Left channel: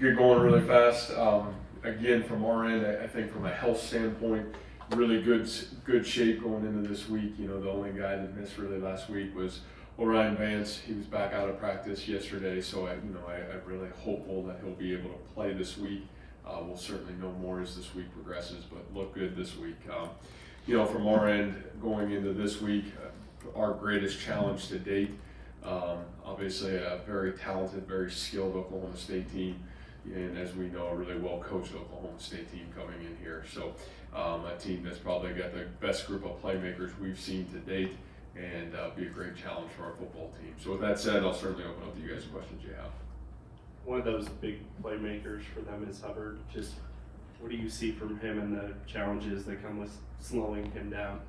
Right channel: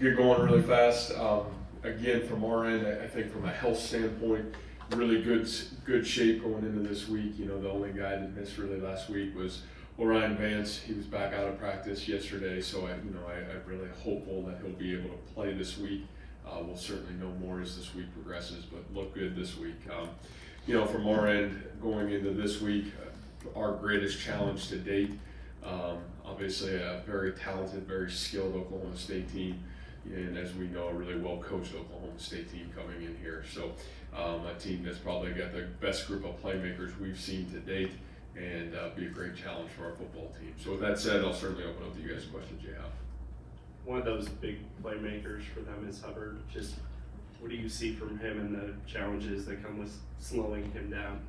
get going really fast. Again, from our end, I think from a health standpoint, really good shape going into this week. You know, the only guy that missed really last week was Orion Vance. He was back out of practice yesterday, so I'm really hopeful that he'll be able to play this week. We'll certainly know more as this week progresses, but look good this week. You know, from our end, going into this week, our greatest challenge to date, obviously a very talented, very skilled Oklahoma State team, and as we know, a really well-coached Oklahoma State team coming in here. So a team that's probably got the best group of playmakers we've seen to date, and be a great challenge for our football team. So with that said, I'll certainly open up to you guys questions you have. One of those big playmakers for them is Hubbard. Just what do you see from him and the challenges that come with slowing him down?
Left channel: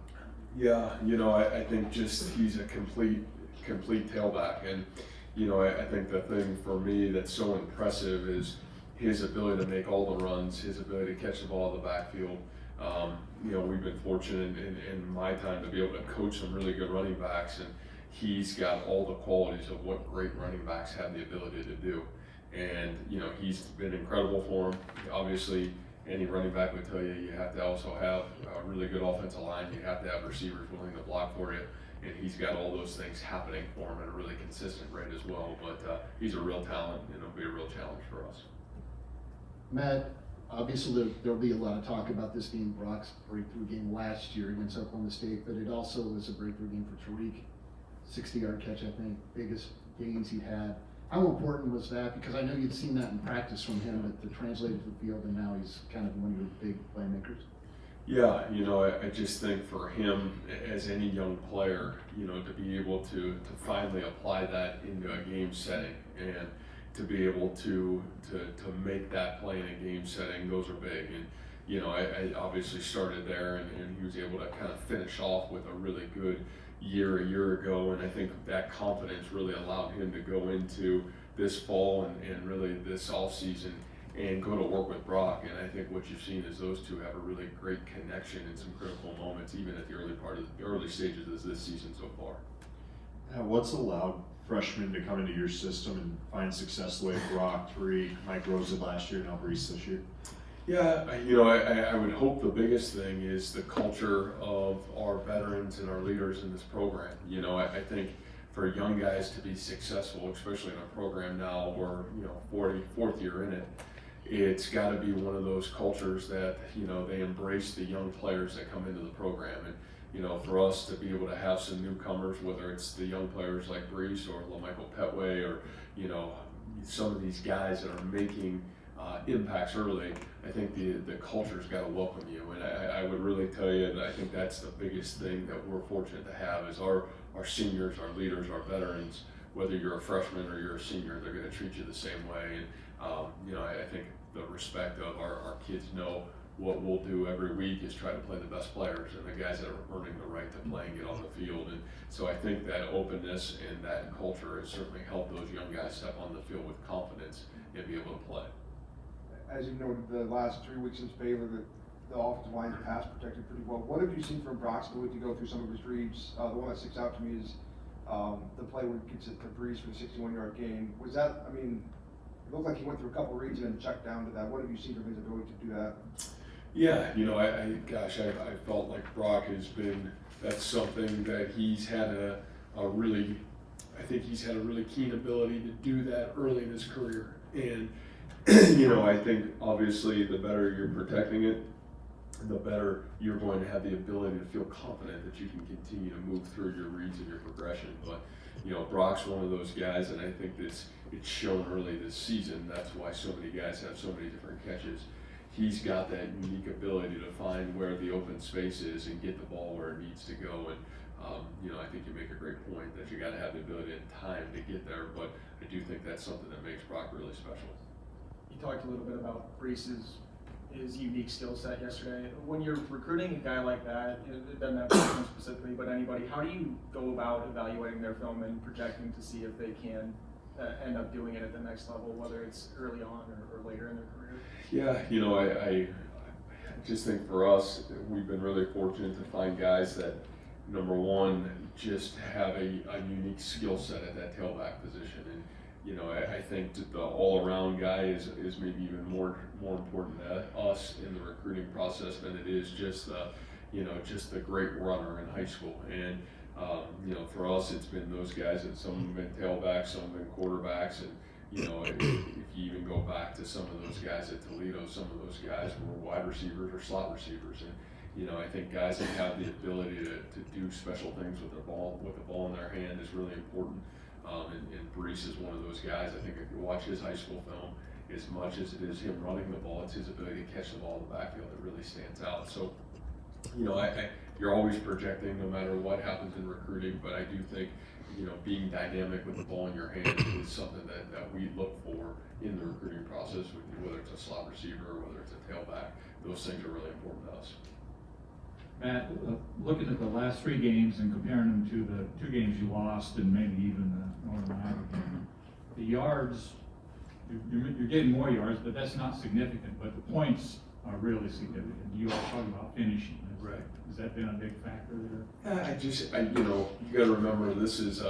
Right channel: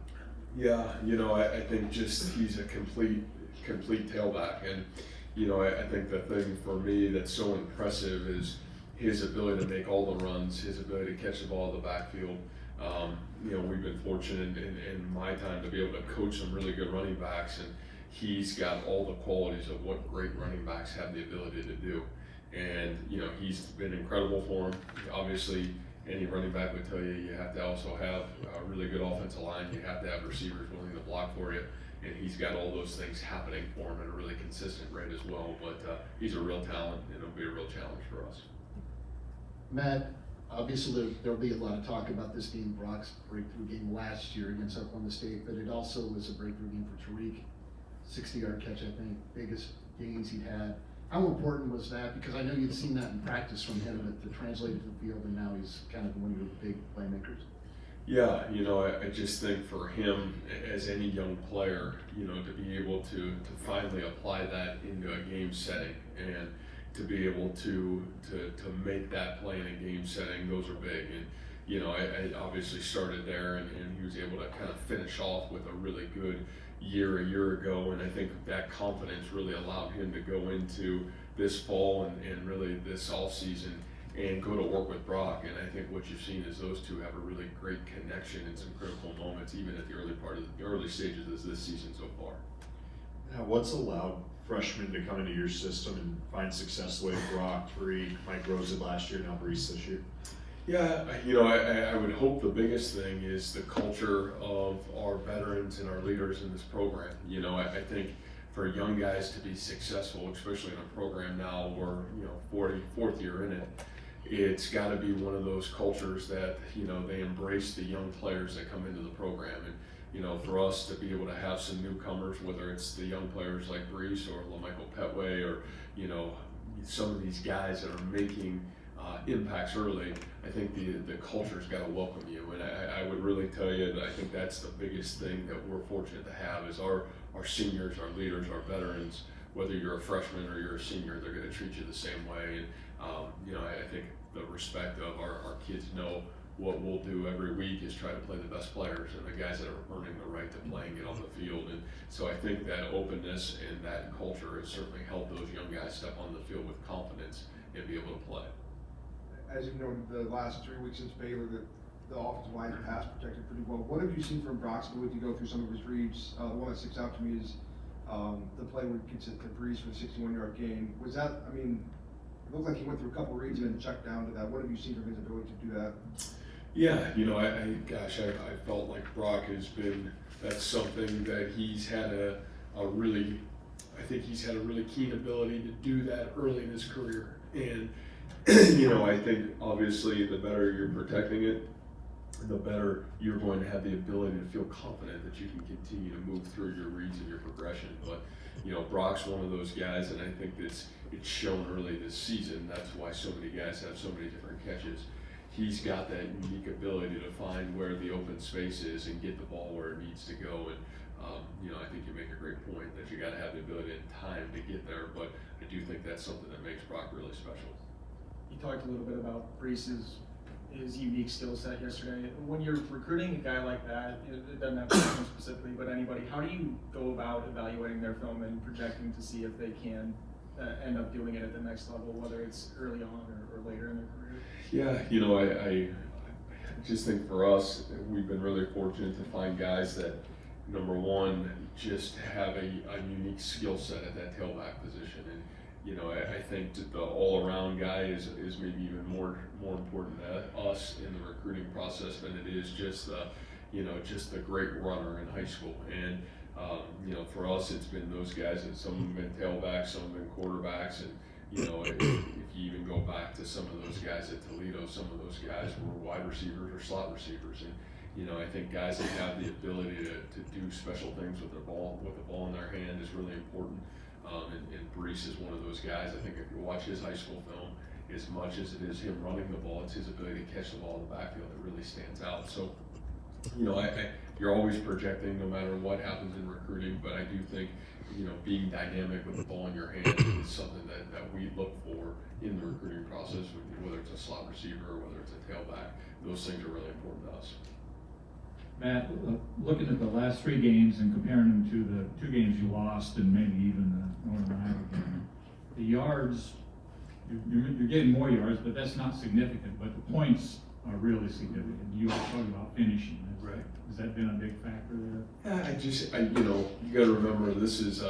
Yeah, you know, I think just he's a complete tailback, and you know, I think the thing for me that's so impressive is his ability to make all the runs, his ability to catch the ball in the backfield. You know, we've been fortunate in my time to be able to coach some really good running backs, and he's got all the qualities of what great running backs have the ability to do. And you know, he's been incredible for him. Obviously, any running back would tell you you have to also have a really good offensive line. You have to have receivers willing to block for you. And he's got all those things happening for him at a really consistent rate as well. But he's a real talent, and it'll be a real challenge for us. Matt, obviously there'll be a lot of talk about this being Brock's breakthrough game last year against Oklahoma State, but it also was a breakthrough game for Tariq. 60-yard catch, I think, biggest gains he had. How important was that? Because I know you'd seen that in practice from him, but to translate it to the field, and now he's kind of one of your big playmakers. Yeah, you know, I just think for him, as any young player, you know, to be able to finally apply that into a game setting and to be able to make that play in a game setting, those are big. And, you know, I obviously started there, and he was able to kind of finish off with a really good year a year ago, and I think that confidence really allowed him to go into this fall and really this off season and go to work with Brock. And I think what you've seen is those two have a really great connection in some critical moments, even at the early stages of this season so far. Now, what's allowed freshmen to come into your system and find success the way Brock, Tariq, Mike Rosa last year, now Brees this year? Yeah, you know, I would hope the biggest thing is the culture of our veterans and our leaders in this program. You know, I think for young guys to be successful, especially in a program now where, you know, 44th year in it, it's got to be one of those cultures that, you know, they embrace the young players that come into the program. And, you know, for us to be able to have some newcomers, whether it's the young players like Brees or LaMichael Petway or, you know, some of these guys that are making impacts early, I think the culture's got to welcome you. And I would really tell you that I think that's the biggest thing that we're fortunate to have is our seniors, our leaders, our veterans, whether you're a freshman or you're a senior, they're going to treat you the same way. And, you know, I think the respect of our kids know what we'll do every week is try to play the best players and the guys that are earning the right to play and get on the field. And so I think that openness and that culture has certainly helped those young guys step on the field with confidence and be able to play. As you know, the last 3 weeks since Baylor, the offensive line pass protected pretty well. What have you seen from Brock's ability to go through some of his reads? The one that sticks out to me is the play where he gets it to Brees for the 61-yard gain. Was that, I mean, it looked like he went through a couple reads and then checked down to that. What have you seen from his ability to do that? Yeah, you know, I felt like Brock has been, that's something that he's had a really, I think he's had a really keen ability to do that early in his career. And, you know, I think obviously the better you're protecting it, the better you're going to have the ability to feel confident that you can continue to move through your reads and your progression. But, you know, Brock's one of those guys, and I think it's shown early this season. That's why so many guys have so many different catches. He's got that unique ability to find where the open space is and get the ball where it needs to go. And, you know, I think you make a great point that you got to have the ability and time to get there. But I do think that's something that makes Brock really special. You talked a little bit about Brees's unique skill set yesterday. When you're recruiting a guy like that, it doesn't have to be him specifically, but anybody, how do you go about evaluating their film and projecting to see if they can end up doing it at the next level, whether it's early on or later in their career? Yeah, you know, I just think for us, we've been really fortunate to find guys that, number one, just have a unique skill set at that tailback position. you know, I think that the all-around guy is maybe even more important to us in the recruiting process than it is just the, you know, just the great runner in high school. And you know, for us, it's been those guys, and some have been tailbacks, some have been quarterbacks, and you know, if you even go back to some of those guys at Toledo, some of those guys were wide receivers or slot receivers, and you know, I think guys that have the ability to do special things with the ball in their hand is really important. And Brees is one of those guys. I think if you watch his high school film, as much as it is him running the ball, it's his ability to catch the ball in the backfield that really stands out. So, you know, you're always projecting no matter what happens in recruiting, but I do think, you know, being dynamic with the ball in your hand is something that we look for in the recruiting process, whether it's a slot receiver or whether it's a tailback. Those things are really important to us. Matt, looking at the last 3 games and comparing them to the 2 games you lost and maybe even the one around, the yards, you're getting more yards, but that's not significant, but the points are really significant. You all talk about finishing. Right. Has that been a big factor there? You know, you got to remember this is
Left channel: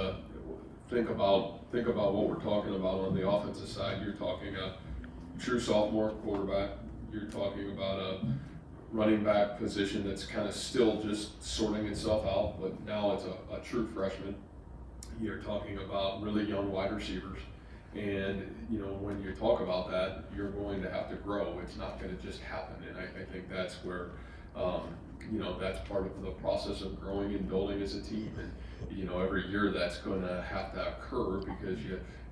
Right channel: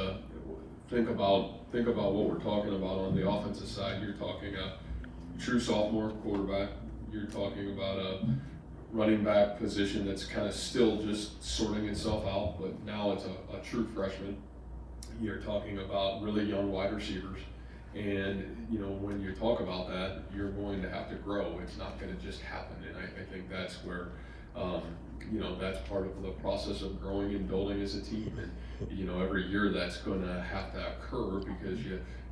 think about what we're talking about on the offensive side. You're talking a true sophomore quarterback. You're talking about a running back position that's kind of still just sorting itself out, but now it's a true freshman. You're talking about really young wide receivers, and you know, when you talk about that, you're going to have to grow. It's not going to just happen, and I think that's where. You know, that's part of the process of growing and building as a team. And, you know, every year that's going to have to occur because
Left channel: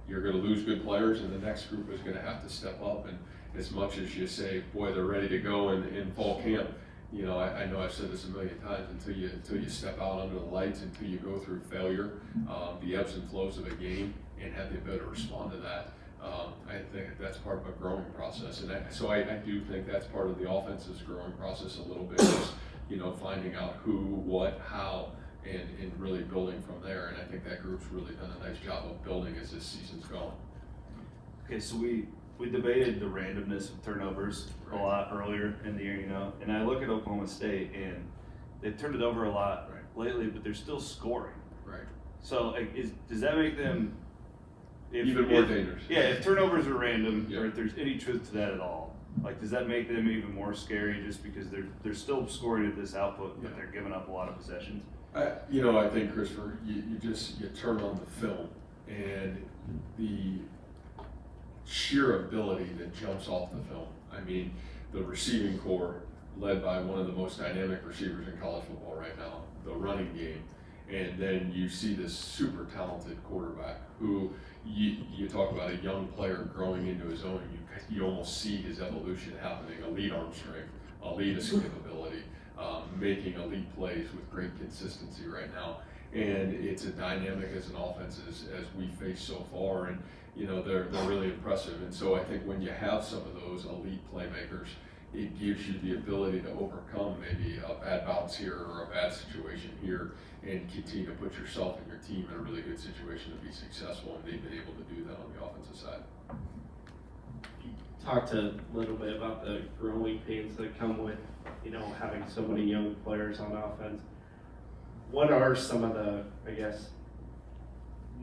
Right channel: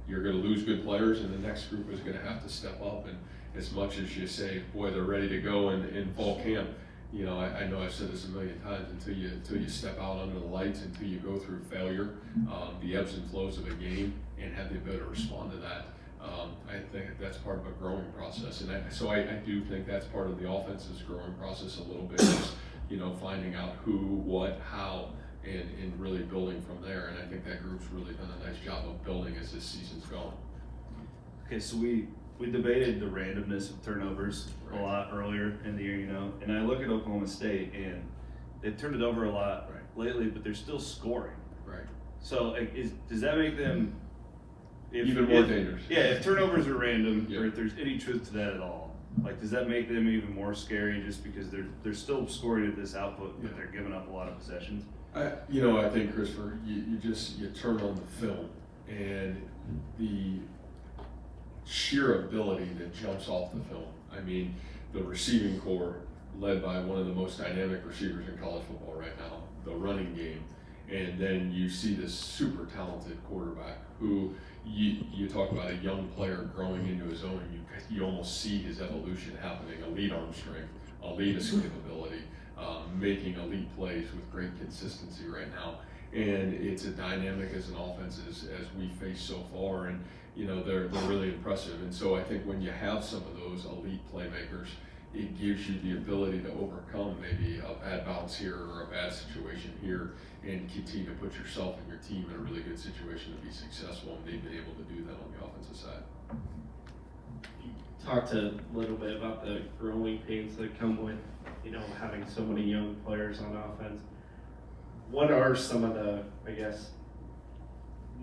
you're going to lose good players and the next group is going to have to step up. And as much as you say, boy, they're ready to go in fall camp, you know, I know I've said this a million times, until you step out under the lights, until you go through failure, the ebbs and flows of a game, and have the ability to respond to that. I think that's part of a growing process. And so I do think that's part of the offense's growing process a little bit. You know, finding out who, what, how, and really building from there. And I think that group's really done a nice job of building as this season's going. Okay, so we debated the randomness of turnovers a lot earlier in the year, you know, and I look at Oklahoma State and they've turned it over a lot lately, but they're still scoring. Right. So like, does that make them even more dangerous? Yeah, if turnovers are random, Yeah. or if there's any truth to that at all. Like, does that make them even more scary just because they're still scoring at this output, but they're giving up a lot of possessions? You know, I think, Christopher, you turn on the film and the sheer ability that jumps off the film. I mean, the receiving core led by one of the most dynamic receivers in college football right now, the running game, and then you see this super talented quarterback who you talk about a young player growing into his own. You almost see his evolution happening. Elite arm strength, elite escapability, making elite plays with great consistency right now. And it's a dynamic as an offense as we face so far. And you know, they're really impressive. And so I think when you have some of those elite playmakers, it gives you the ability to overcome maybe a bad bounce here or a bad situation here and continue to put yourself and your team in a really good situation to be successful, and they've been able to do that on the offensive side. You talked a little bit about the growing pains that come with, you know, having so many young players on offense. What are some of the, I guess,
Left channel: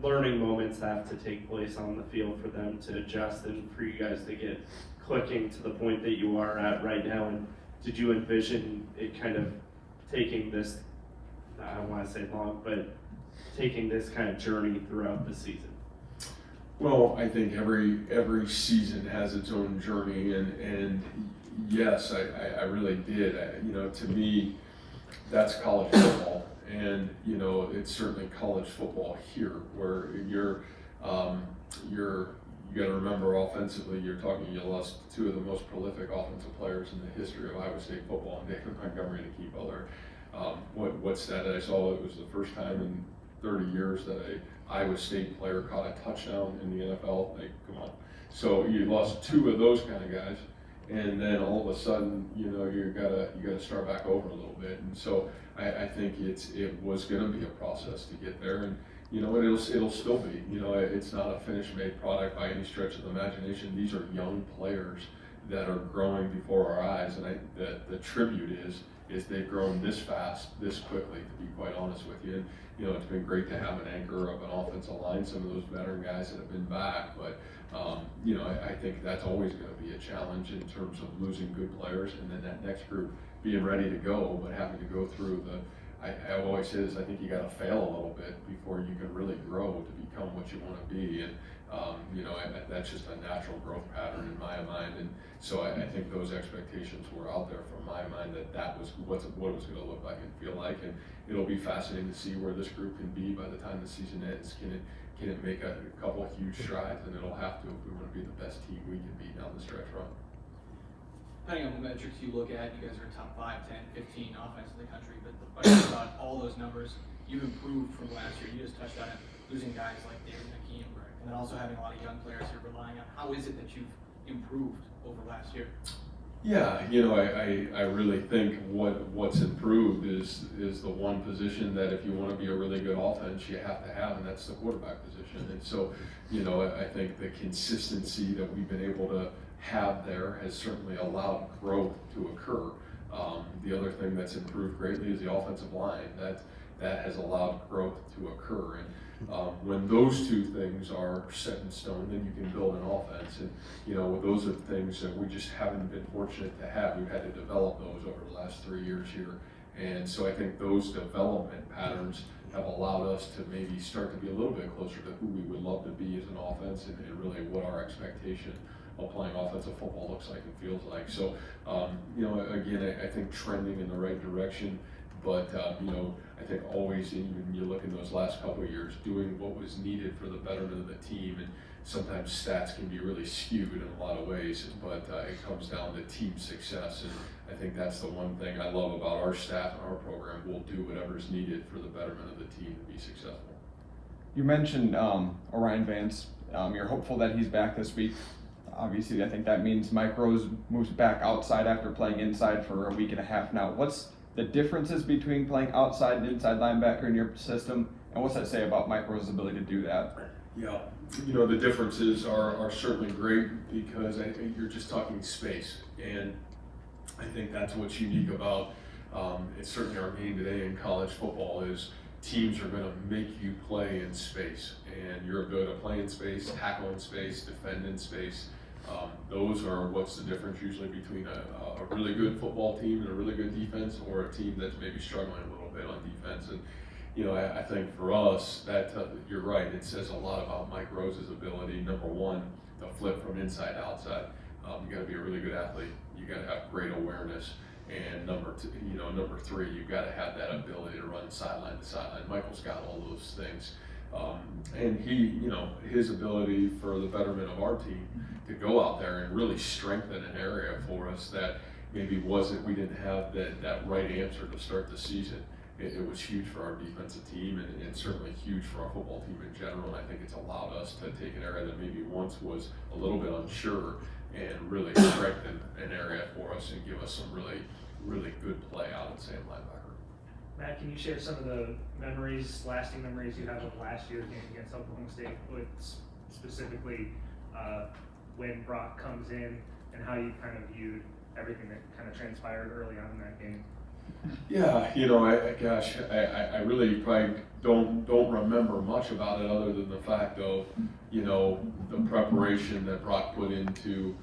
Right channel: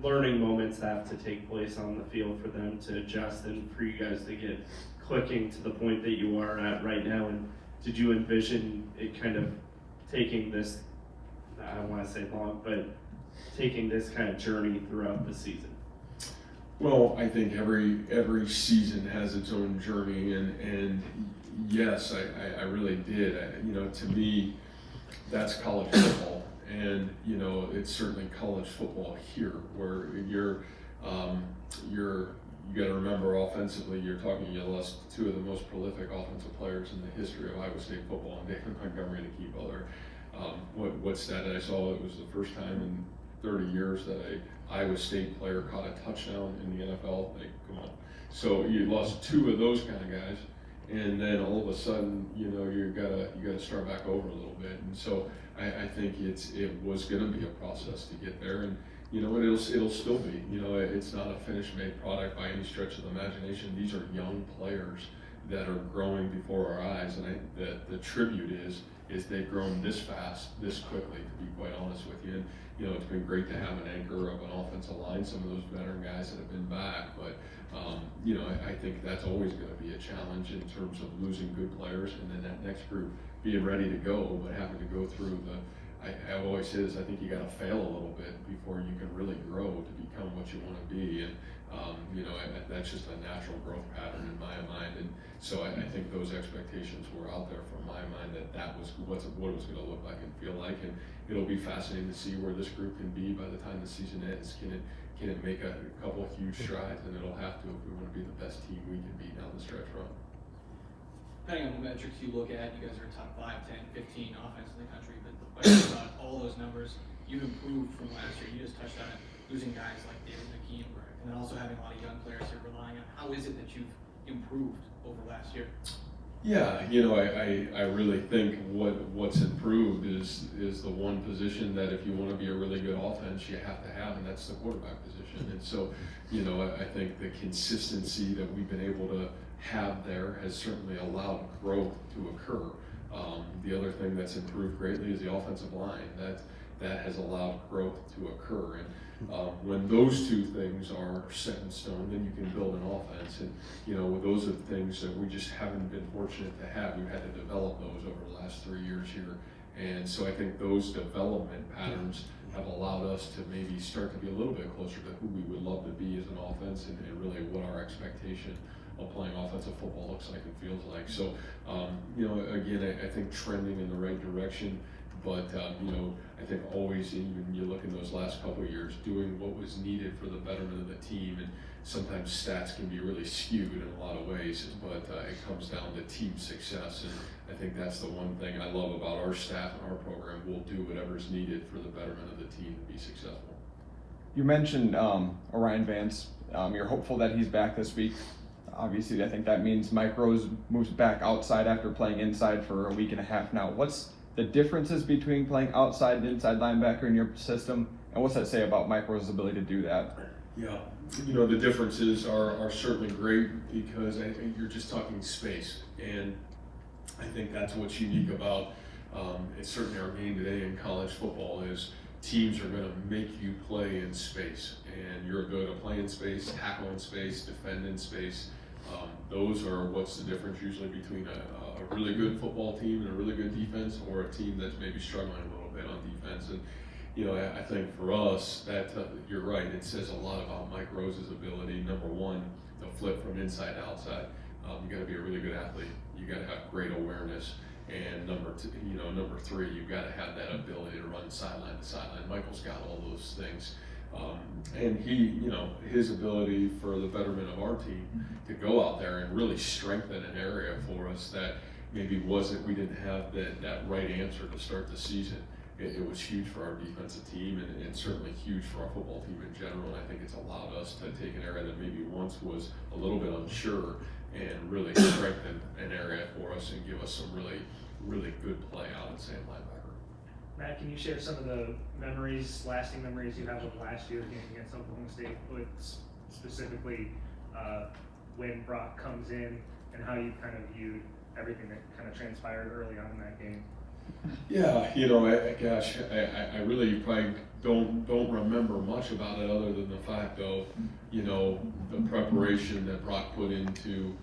learning moments that have to take place on the field for them to adjust and for you guys to get clicking to the point that you are at right now? And did you envision it kind of taking this, I don't want to say long, but taking this kind of journey throughout the season? Well, I think every season has its own journey, and yes, I really did. You know, to me, that's college football, and you know, it's certainly college football here, where you got to remember offensively, you lost 2 of the most prolific offensive players in the history of Iowa State football, and David Montgomery and Keith Butler. What stat I saw, it was the first time in 30 years that a Iowa State player caught a touchdown in the NFL. Like, come on. So you lost 2 of those kind of guys, and then all of a sudden, you know, you gotta start back over a little bit. And so I think it was going to be a process to get there, and you know, it'll still be. You know, it's not a finished made product by any stretch of the imagination. These are young players that are growing before our eyes, and the tribute is is they've grown this fast, this quickly, to be quite honest with you. You know, it's been great to have an anchor of an offensive line, some of those veteran guys that have been back, but, you know, I think that's always gonna be a challenge in terms of losing good players, and then that next group being ready to go, but having to go through I always say this, I think you gotta fail a little bit before you can really grow to become what you wanna be, and, you know, that's just a natural growth pattern in my mind, and so I think those expectations were out there from my mind, that was what it was gonna look like and feel like, and it'll be fascinating to see where this group can be by the time the season ends. Can it make a couple of huge strides, and it'll have to if we wanna be the best team we can be down the stretch run. Depending on the metrics you look at, you guys are top 5, 10, 15 offense in the country, but about all those numbers, you've improved from last year. You just touched on it, losing guys like David McKean, and then also having a lot of young players you're relying on. How is it that you've improved over last year? Yeah, you know, I really think what's improved is the one position that if you want to be a really good offense, you have to have, and that's the quarterback position. And so, you know, I think the consistency that we've been able to have there has certainly allowed growth to occur. The other thing that's improved greatly is the offensive line. That has allowed growth to occur. And when those two things are set in stone, then you can build an offense. And, you know, those are things that we just haven't been fortunate to have. We've had to develop those over the last 3 years here. And so I think those development patterns have allowed us to maybe start to be a little bit closer to who we would love to be as an offense, and really what our expectation of playing offensive football looks like and feels like. So, you know, again, I think trending in the right direction, but, you know, I think always, when you look in those last couple of years, doing what was needed for the betterment of the team, and sometimes stats can be really skewed in a lot of ways, but it comes down to team success, and I think that's the one thing I love about our staff and our program. We'll do whatever's needed for the betterment of the team to be successful. You mentioned Orion Vance. You're hopeful that he's back this week. Obviously, I think that means Mike Rose moves back outside after playing inside for a week and a half now. What's the differences between playing outside and inside linebacker in your system, and what's that say about Mike Rose's ability to do that? Yeah, you know, the differences are certainly great because I think you're just talking space, and I think that's what's unique about it's certainly our game today in college football is teams are going to make you play in space, and your ability to play in space, tackle in space, defend in space. Those are what's the difference usually between a really good football team and a really good defense, or a team that's maybe struggling a little bit on defense. And you know, I think for us that you're right. It says a lot about Mike Rose's ability. Number one, to flip from inside to outside. You got to be a really good athlete. You got to have great awareness. And number three, you've got to have that ability to run sideline to sideline. Michael's got all those things. And he, you know, his ability for the betterment of our team to go out there and really strengthen an area for us that maybe we didn't have that right answer to start the season. It was huge for our defensive team, and certainly huge for our football team in general. And I think it's allowed us to take an area that maybe once was a little bit unsure and really strengthen an area for us and give us some really, really good play out at Sam linebacker. Matt, can you share some of the lasting memories you have of last year's game against Oklahoma State, but specifically when Brock comes in and how you kind of viewed everything that kind of transpired early on in that game? Yeah, you know, I really probably don't remember much about it other than the fact of, you know, the preparation that Brock put into,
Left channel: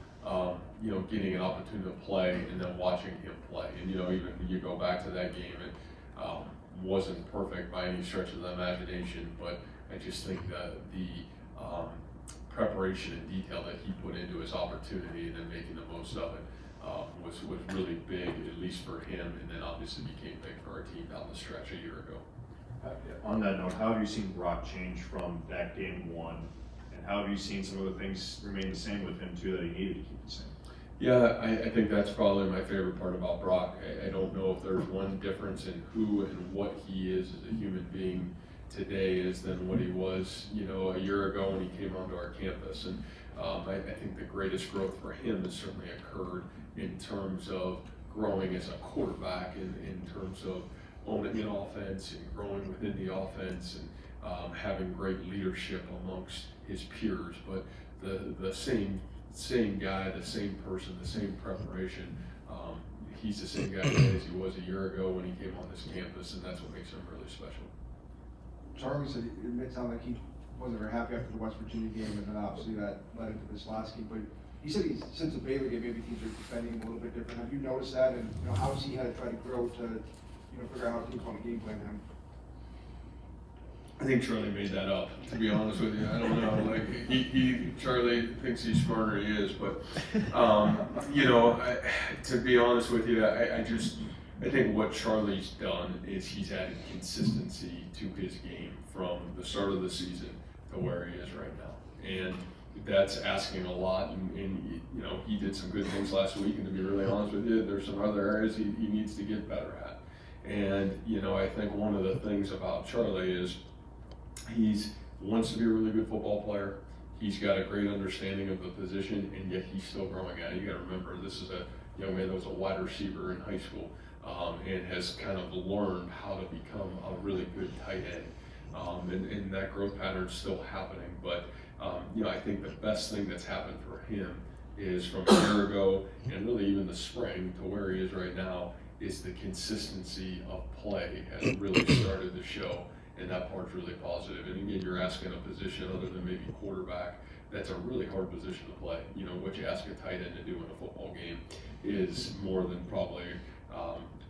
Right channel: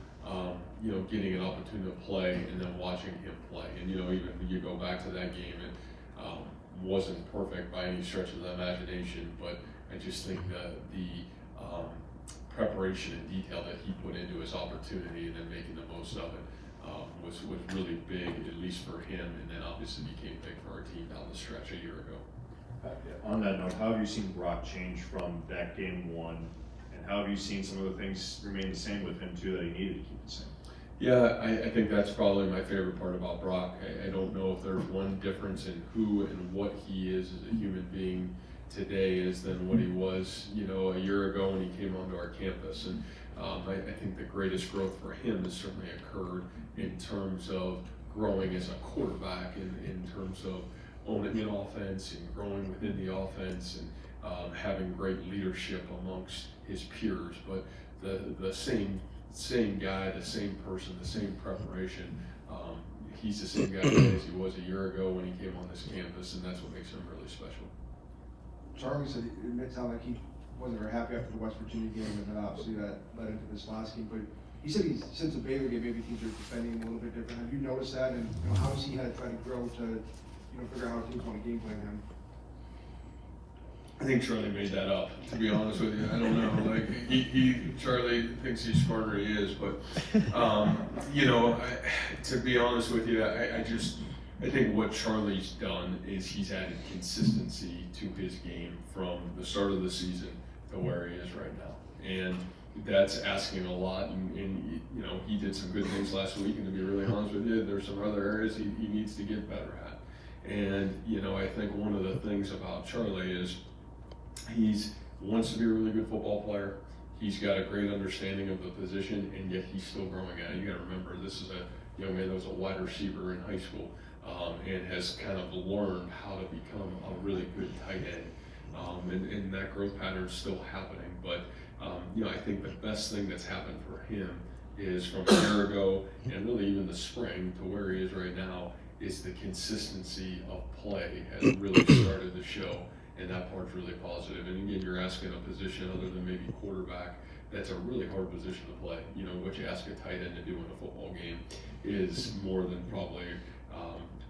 you know, getting an opportunity to play and then watching him play. And, you know, even when you go back to that game, it wasn't perfect by any stretch of the imagination, but I just think that the preparation and detail that he put into his opportunity and then making the most of it was really big, at least for him, and then obviously became big for our team down the stretch a year ago. On that note, how have you seen Brock change from that game one, and how have you seen some of the things remain the same with him too that he needed to keep the same? Yeah, I think that's probably my favorite part about Brock. I don't know if there's one difference in who and what he is as a human being today is than what he was, you know, a year ago when he came onto our campus. And I think the greatest growth for him has certainly occurred in terms of growing as a quarterback, in terms of owning an offense and growing within the offense, and having great leadership amongst his peers. But the same guy, the same person, the same preparation, he's the same guy today as he was a year ago when he came on this campus, and that's what makes him really special. Charlie said it may sound like he wasn't very happy after the West Virginia game, and then obviously that led into this last game, but he said he's, since the Baylor game, maybe teams are defending a little bit different. Have you noticed that, and how has he had to try to grow to, figure out how teams want to game plan him? I think Charlie made that up, to be honest with you. I don't know, like, Charlie thinks he's smarter than he is, but, to be honest with you, I think what Charlie's done is he's added consistency to his game from the start of the season to where he is right now. And that's asking a lot, and he did some good things last week, and to be really honest with you, there's some other areas he needs to get better at. And, I think one of the things about Charlie is he wants to be a really good football player. He's got a great understanding of the position, and yet he's still growing at it. You gotta remember, this is a young man that was a wide receiver in high school, and has kind of learned how to become a really good tight end. And that growth pattern is still happening, but I think the best thing that's happened for him is from a year ago, and really even the spring to where he is right now, is the consistency of play has really started to show. And that part's really positive. And again, you're asking a position other than maybe quarterback, that's a really hard position to play. What you ask a tight end to do in a football game is more than probably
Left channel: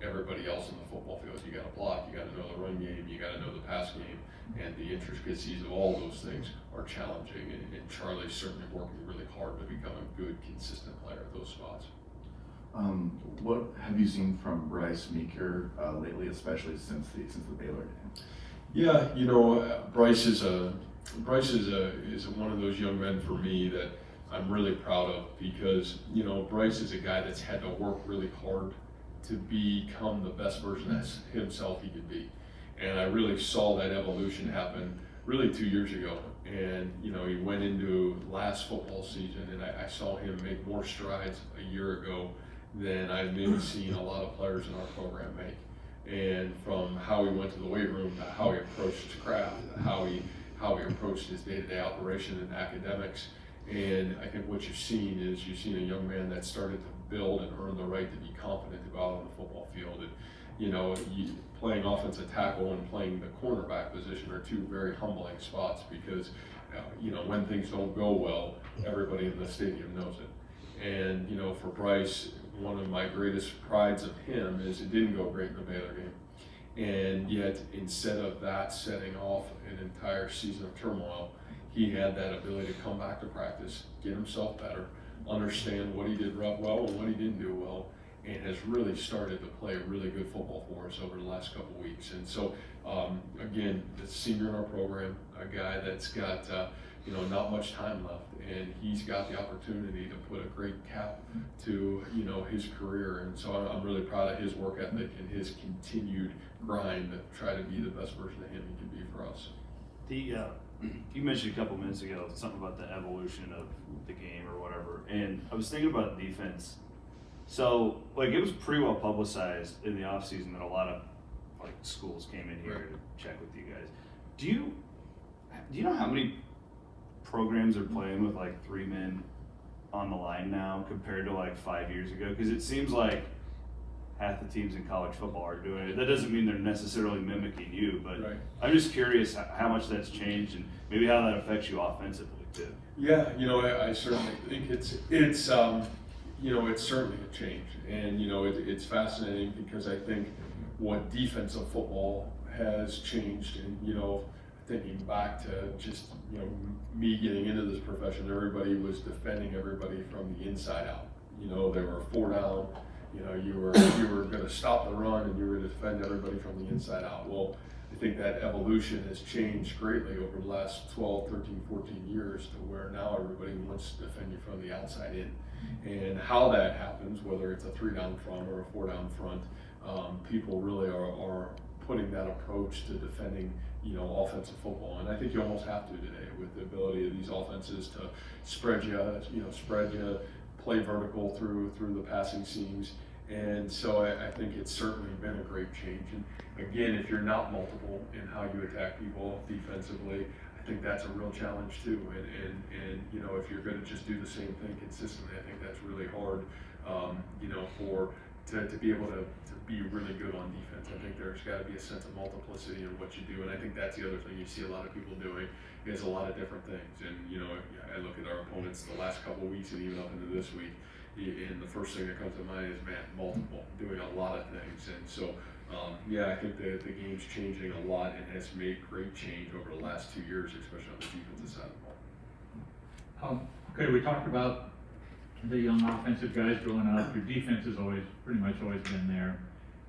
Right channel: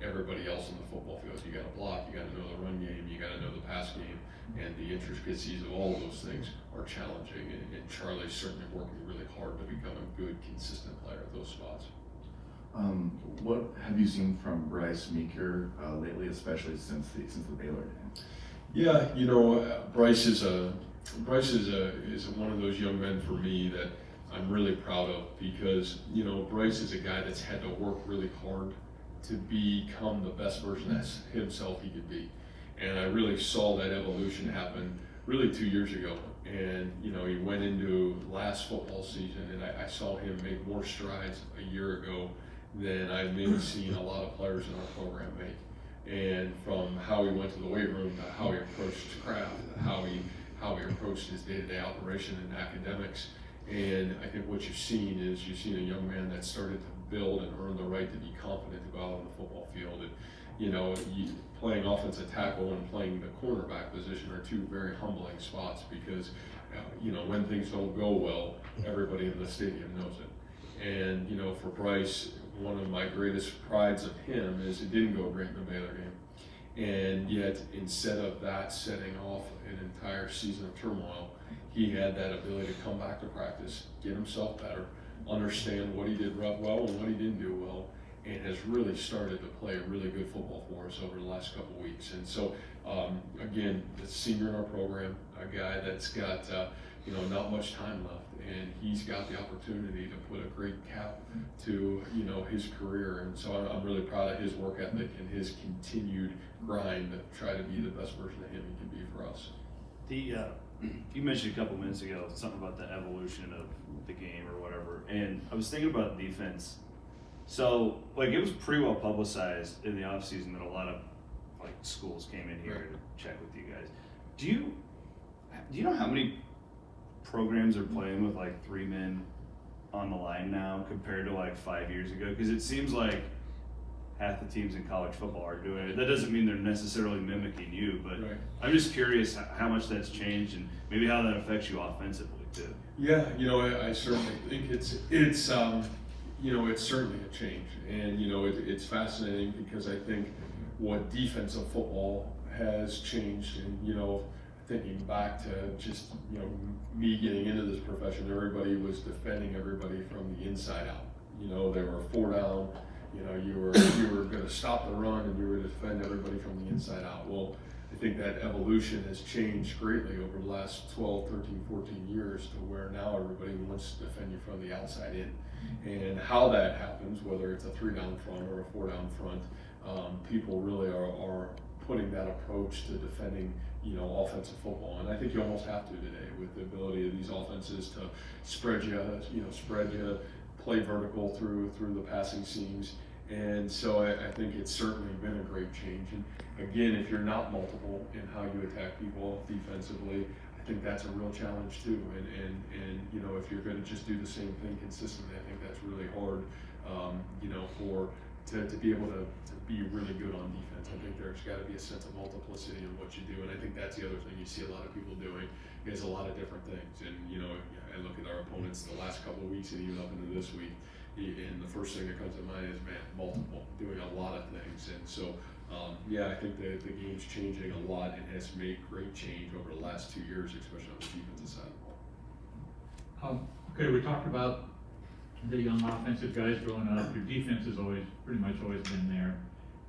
everybody else in the football field. You gotta block, you gotta know the run game, you gotta know the pass game, and the intricacies of all those things are challenging. And Charlie's certainly working really hard to become a good, consistent player at those spots. What have you seen from Bryce Meeker lately, especially since the Baylor game? Yeah, Bryce is one of those young men for me that I'm really proud of, because Bryce is a guy that's had to work really hard to become the best version of himself he could be. And I really saw that evolution happen really 2 years ago. And he went into last football season, and I saw him make more strides a year ago than I've maybe seen a lot of players in our program make. And from how he went to the weight room to how he approached his craft, how he approached his day-to-day operation and academics. And I think what you've seen is a young man that started to build and earn the right to be confident to go out on the football field. And playing offensive tackle and playing the cornerback position are two very humbling spots, because when things don't go well, everybody in the stadium knows it. And for Bryce, one of my greatest prides of him is it didn't go great in the Baylor game. And yet, instead of that setting off an entire season of turmoil, he had that ability to come back to practice, get himself better, understand what he did well and what he didn't do well, and has really started to play really good football for us over the last couple of weeks. And so, again, the senior in our program, a guy that's got not much time left, and he's got the opportunity to put a great cap to his career. And so I'm really proud of his work ethic and his continued grind to try to be the best version of him he can be for us. You mentioned a couple minutes ago something about the evolution of the game or whatever, and I was thinking about defense. So, it was pretty well publicized in the offseason that a lot of schools came in here to check with you guys. Do you know how many programs are playing with 3 men on the line now compared to 5 years ago? Because it seems like half the teams in college football are doing it. That doesn't mean they're necessarily mimicking you, but I'm just curious how much that's changed and maybe how that affects you offensively too. Yeah, I certainly think it's certainly a change, and it's fascinating because I think what defensive football has changed, and thinking back to just me getting into this profession, everybody was defending everybody from the inside out. They were 4 down. You were going to stop the run, and you were going to defend everybody from the inside out. Well, I think that evolution has changed greatly over the last 12, 13, 14 years to where now everybody wants to defend you from the outside in. And how that happens, whether it's a 3 down front or a 4 down front, people really are putting that approach to defending offensive football. And I think you almost have to today with the ability of these offenses to spread you, play vertical through the passing seams. And so I think it's certainly been a great change. And again, if you're not multiple in how you attack people defensively, I think that's a real challenge too. And if you're going to just do the same thing consistently, I think that's really hard, for to be able to be really good on defense. I think there's got to be a sense of multiplicity in what you do, and I think that's the other thing you see a lot of people doing is a lot of different things. And you know, I look at our opponents the last couple of weeks and even up into this week, and the first thing that comes to mind is Matt, multiple, doing a lot of things. And so, yeah, I think that the game's changing a lot and has made great change over the last 2 years, especially on the defensive side of the ball. Okay, we talked about the young offensive guys growing up. Your defense has pretty much always been there.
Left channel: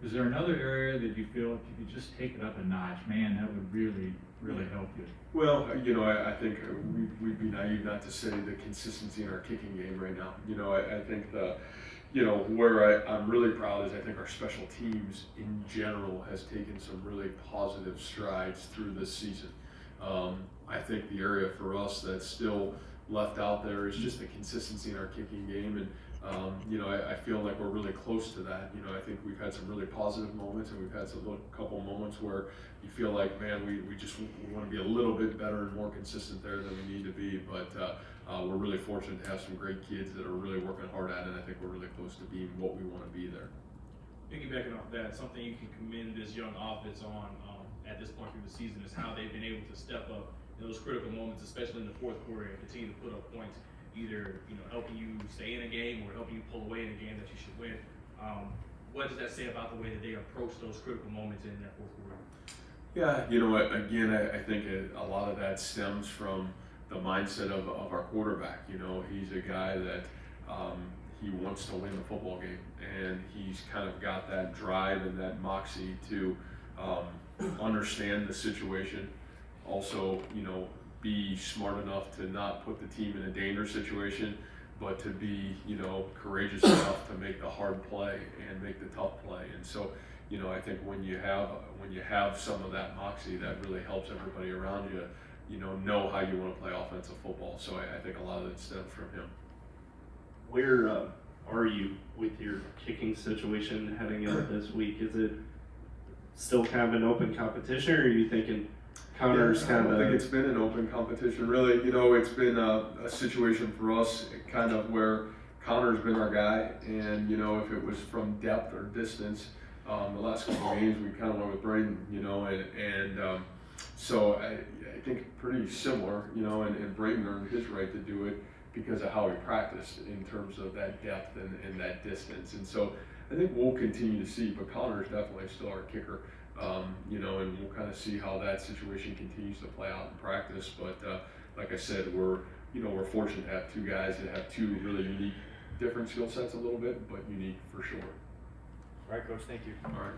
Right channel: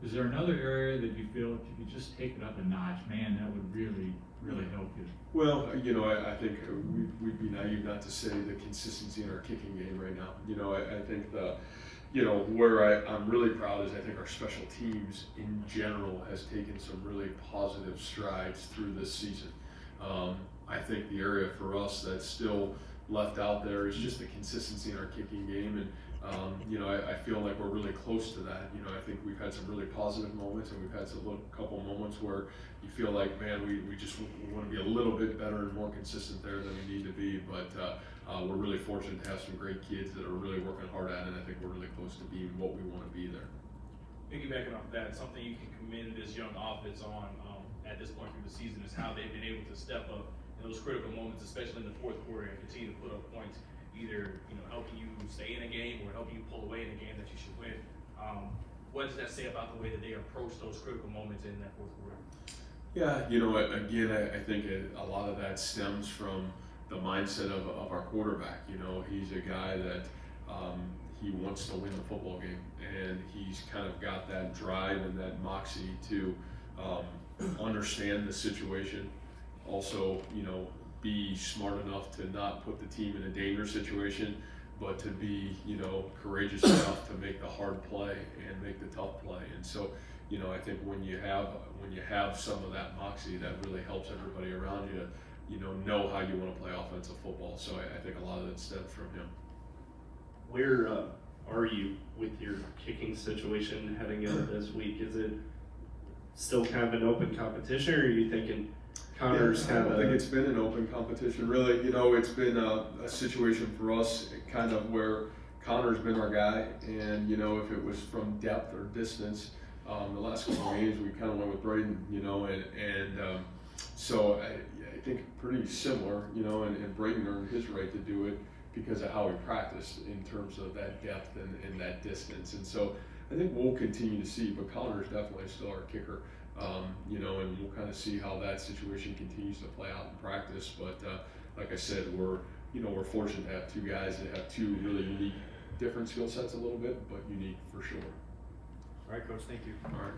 Is there another area that you feel if you could just take it up a notch, man, that would really, really help you? Well, you know, I think we'd be naive not to say the consistency in our kicking game right now. You know, I think where I'm really proud is I think our special teams in general has taken some really positive strides through this season. I think the area for us that's still left out there is just the consistency in our kicking game, and you know, I feel like we're really close to that. You know, I think we've had some really positive moments, and we've had some couple moments where you feel like, man, we want to be a little bit better and more consistent there than we need to be. But we're really fortunate to have some great kids that are really working hard at it, and I think we're really close to being what we want to be there. Piggybacking off that, something you can commend this young offense on at this point through the season is how they've been able to step up in those critical moments, especially in the fourth quarter, and continue to put up points, either helping you stay in a game or helping you pull away in a game that you should win. What does that say about the way that they approach those critical moments in that fourth quarter? Yeah, you know, again, I think a lot of that stems from the mindset of our quarterback. You know, he's a guy that he wants to win the football game, and he's kind of got that drive and that moxie to understand the situation. Also, you know, be smart enough to not put the team in a dangerous situation, but to be, you know, courageous enough to make the hard play and make the tough play. And so, you know, I think when you have some of that moxie, that really helps everybody around you, you know how you want to play offensive football. So I think a lot of it stems from him. Where are you with your kicking situation heading into this week? Is it still kind of an open competition, or are you thinking Connor's I don't think it's been an open competition, really. You know, it's been a situation for us kind of where Connor's been our guy, and you know, if it was from depth or distance, the last couple of games we kind of went with Braden, you know, and so I think pretty similar, you know, and Braden earned his right to do it because of how he practiced in terms of that depth and that distance. And so I think we'll continue to see, but Connor's definitely still our kicker. You know, and we'll kind of see how that situation continues to play out in practice. But like I said, we're fortunate to have two guys that have two really unique, different skill sets a little bit, but unique for sure. All right, Coach, thank you. All right.